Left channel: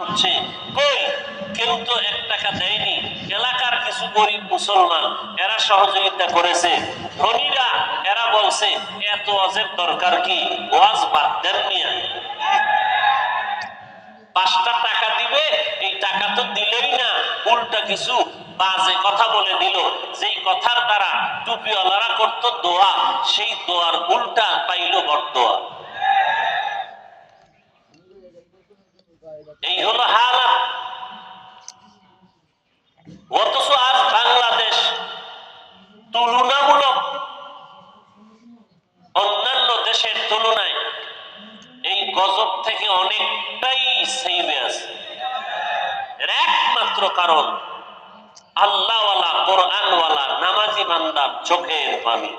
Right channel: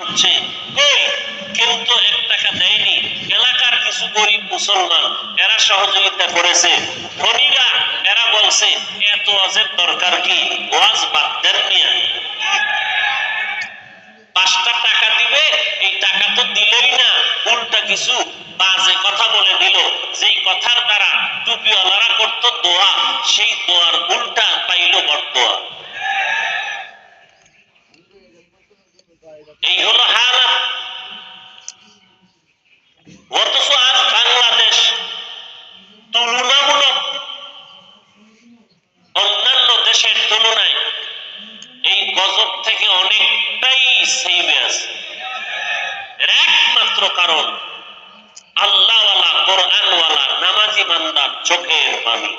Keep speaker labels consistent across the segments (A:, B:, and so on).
A: হচ্ছে কই কেউ তো এক টাকা দেয়নি। এলাকার কিছু গরিব মুসলমান, এরা সহযোগিতা করেছে। ধনীরা, এরা বলছে, এত ওয়াজের দরকার কি? ওয়াজ বাদ দেন পাঁচটা টাকা দিবে, এই টাকা তো দিলেই না। উল্টা কিছু বাজে কথা বলে দিল। যেই কথার দ্বারা টুপিওয়ালারা করত দোয়া, সেই দোয়ার উল্টা পাইল বরদোয়া এই তুলনামূলক অন্যান্য দেশের তুলনায় এই গজব থেকে অনেকটাই সেভে আছে। এর একমাত্র কারণ আল্লাহওয়ালা, কোরআনওয়ালা, নামাজি বান্দার চোখের পানি।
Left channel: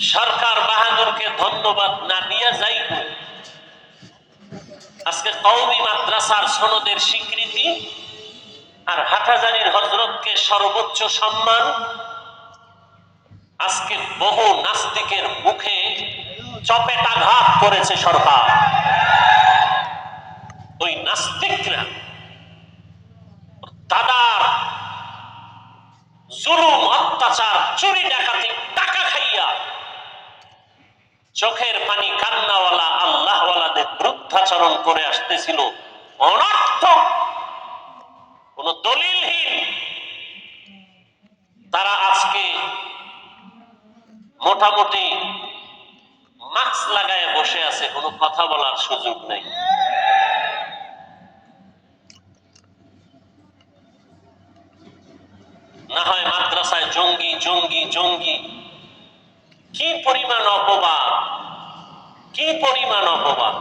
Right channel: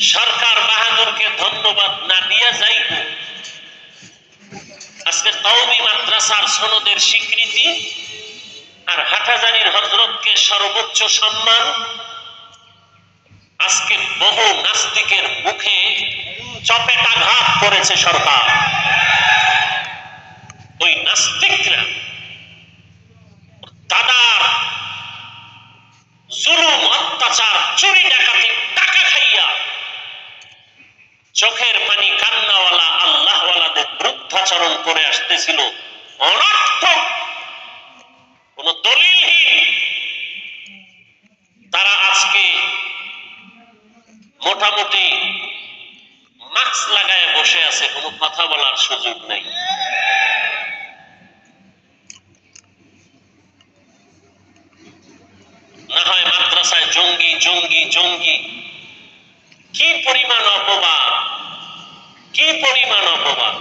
A: সরকার বাহাদুরকে ধন্যবাদ না দিয়া যাইব। আজকে কৌমি মাদ্রাসার সনদের স্বীকৃতি আর হাটাজারির হজরতকে সর্বোচ্চ সম্মান আজকে বহু নাস্তিকের মুখে চপেটাঘাত করেছে সরকার। ওই নাস্তিকরা দাদার জুলুম, অত্যাচার, চুরি ডাকাতি চোখের পানি কান্নাওয়ালা আল্লাহওয়ালাদের বৃদ্ধাচরণ করে আসতেছিল। অনর্থক, কোন দলিলহীন। তারা আজকে মোটামুটি মাস্ক লাগায় বসে আছে, কোনো কথা বলার সুযোগ নেই। না হয় মাদ্রাসায় জঙ্গি জঙ্গি জঙ্গি। কি পরিমাণ অপবাদ? পরিমাণ অপবাদ।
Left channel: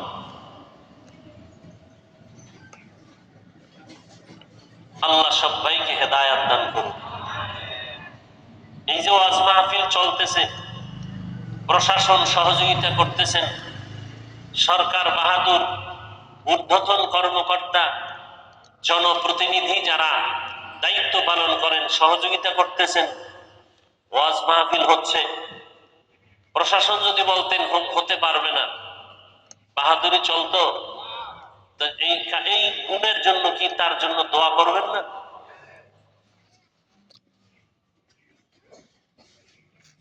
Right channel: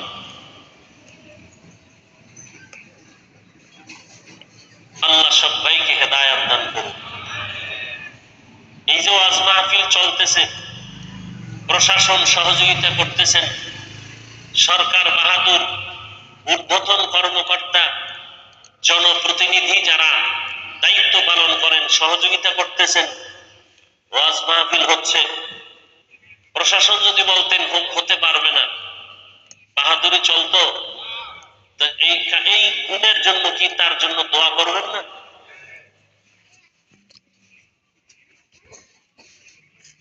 A: আল্লাহ সবাইকে হেদায়াত দান করুন এই যে ওয়াজ মাহফিল চলতেছে, প্রশাসন সহযোগিতা করতেছেন, সরকার বাহাদুর, ঊর্ধ্বতন কর্মকর্তা, জনপ্রতিনিধি যারা দায়িত্ব পালন করেন, সহযোগিতা করতেছেন, ওয়াজ মাহফিল হচ্ছে। প্রশাসন যদি বলতেন, হতে পারবে না। বাহাদুরি চলতো। এই গুণের জন্য কি তার জন্য দোয়া করবেন না?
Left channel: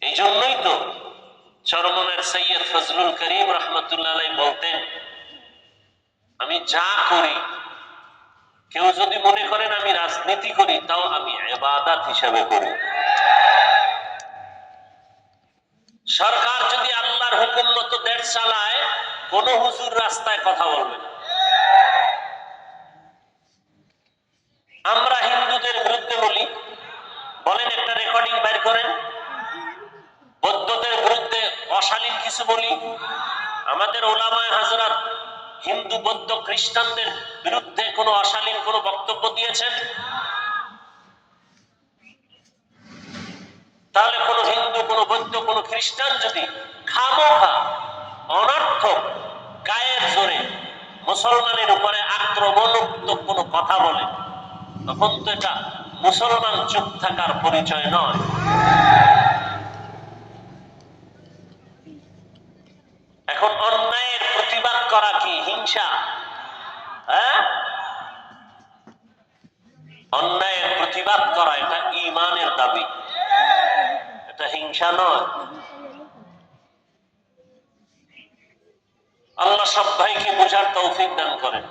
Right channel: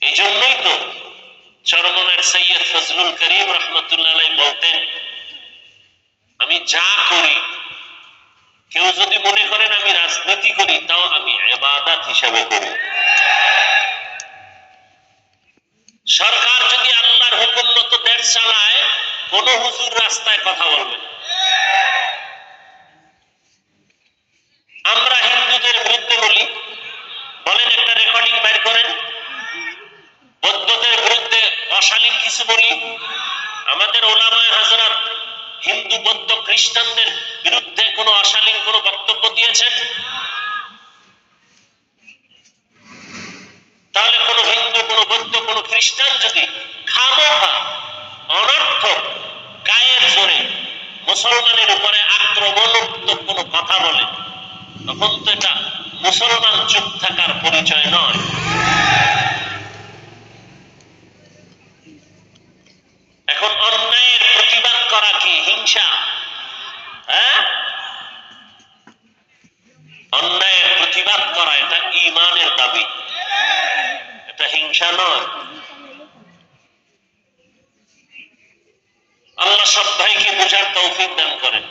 A: এই জন্যই তো চরমনের সৈয়দ ফজলুল করিম রহমতুল্লাহ বলতেন, আমি যা করি, কেউ যদি মনে করেন আমি রাজনীতি করি, তাও আমি এবাদাত হিসাবে করি। কোন হুজুর রাস্তায় কথা বলবে। আমরা হিন্দুদের বিরুদ্ধে বলি, বলেন একটা রেকর্ডিং বের করেন। বৌদ্ধদের বিরুদ্ধে অশালীন কিছু বলি। আমাদের ওলামায় হাজরাত হিন্দু বৌদ্ধ খ্রিস্টানদের বিরুদ্ধে কোনো অশালীন কোনো বক্তব্য দিয়েছেন? তাহলে কোনো হিন্দু, কোনো বৌদ্ধ, কোনো খ্রিস্টান যদি মুসলমানের উপরে আক্রমণাত্মক কোনো কথা বলে, তখন তো এটা মুসলমান চুপ থাকার পরিচয় নয়। এখন অন্যায়ের প্রতিবাদ করা কি হিংসা? হ্যাঁ? অন্যায়ের প্রতিবাদ করা এটা ইমানের দাবি। এটা হিংসা নয়। সব ভাইকে বোঝার তৌফিক দান করেন?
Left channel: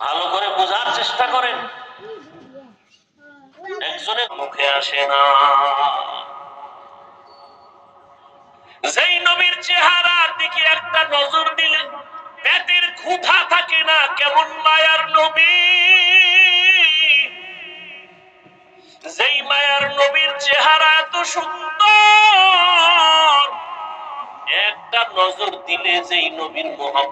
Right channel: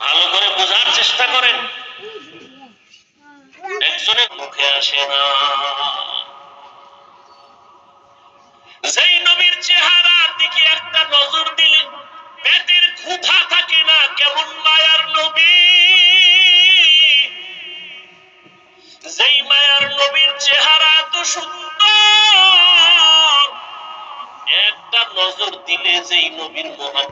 A: ভালো করে বোঝার চেষ্টা করেন। একজনের মুখে আসে না। যেই নবীর চেহারার দিকে একটা নজর দিলে পেটের ক্ষুধা থাকে না, কেমন মায়ার নবী। যেই মায়ার নবীর চেহারা এত সুন্দর একটা নজর দিলে যেই নবীর মোহাম্মদ